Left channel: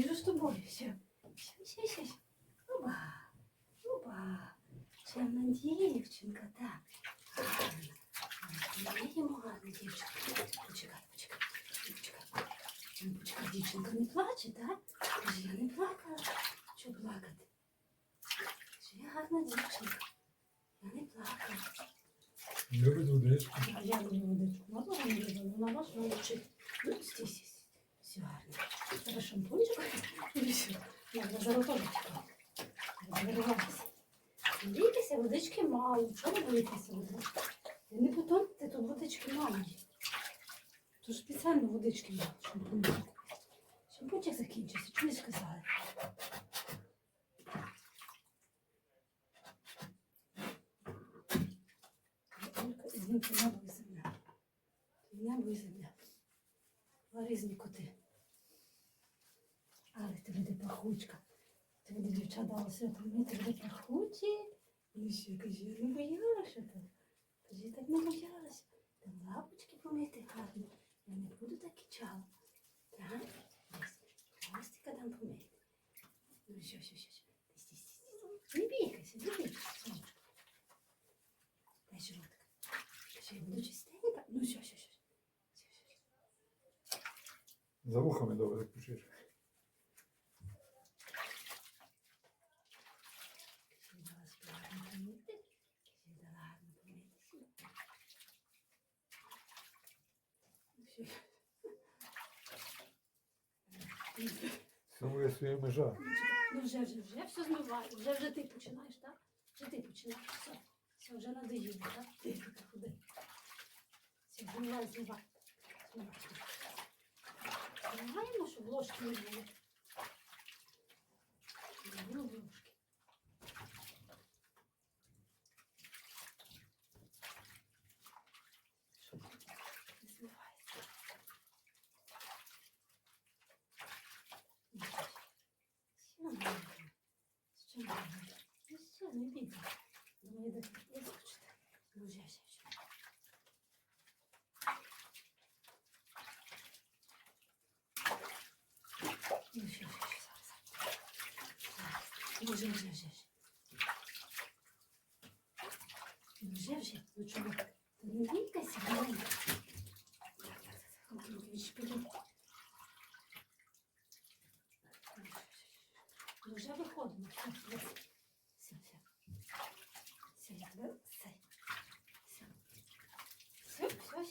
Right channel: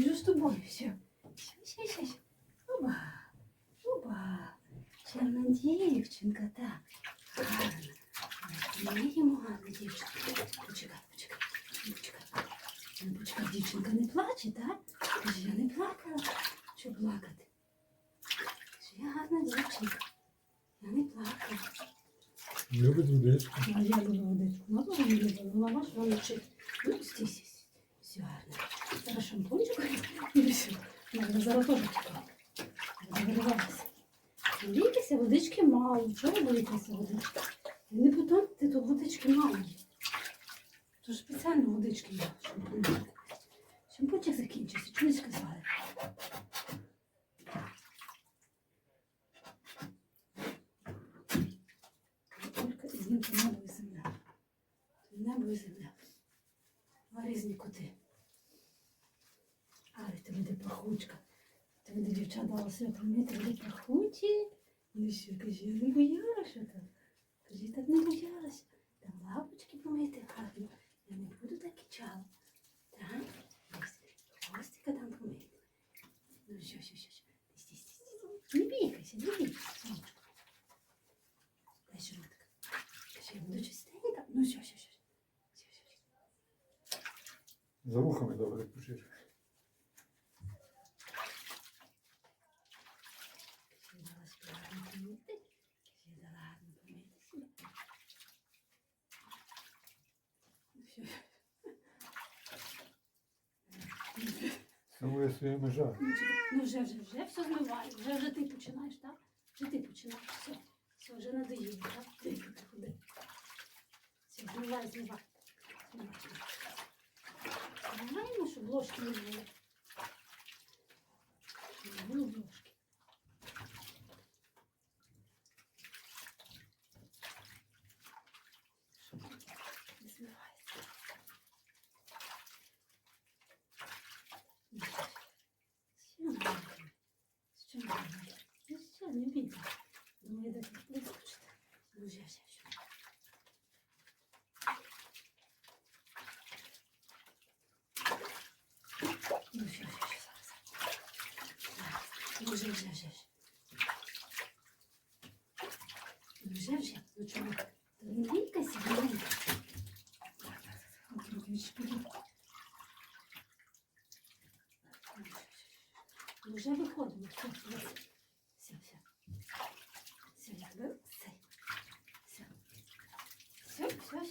побіжу з тобою. Все. Все, все, все. все. Оба. Оба. Чарна дівчинка, так. Гарна. Моїмо гарна дівчинка. Почекай, почекай. Почекай. Ну, почекай, дівчинка не плаче, так? Каже, я не плакала. Що плакати? Каже, я гарна дівчинка. Я не плакала. Любить водичку. А я люблю водичку. Вона не любить, вона вас вилучить. Ну, стій, стій, стій. Все гарно. Зараз шампунчик і Надо золотого чекати. Заривалася. Бійтеся, водички мало. Чого боїтеся водички? І не ти тут водички мало. Тож спеціально водички мало, шампунчик. Шампунчик закінчився, чому не сказали? Тільки знімки небо і земля. Небо і земля. Два різні коти. Ти люди пахучка. Ти люди дівчат дала себе помити, люди пахучі. Ну що, кажи, я не боялася Що, що. Межа. Ну. Вже, вже, вже все змиваю. Вже, вже ти починаєш, так? Вже ти починаєш. Все. Все, вже надоїло, так? Ти ходи. Все, змивай, змивай. Змивай, змивай. Щоб ложки не було. Не було ложки. Щоб не змивається. Ну, Ще нормально. Ще нормально. Ну, ще не бійся. Думаю, де вискочити. Ну, вже, вже, вже. Ну, вже, вже, вже, зараз. Зараз. Ну, вже, вже, вже, вже. Ну, вже, вже. Ну, чого? Та Не бійкайся, не бійкайся. Так, так, так. Руки, руки, відшпилюй. Ну, вже виходимо. Все, все, все, все. Все, я тебе, все. Все.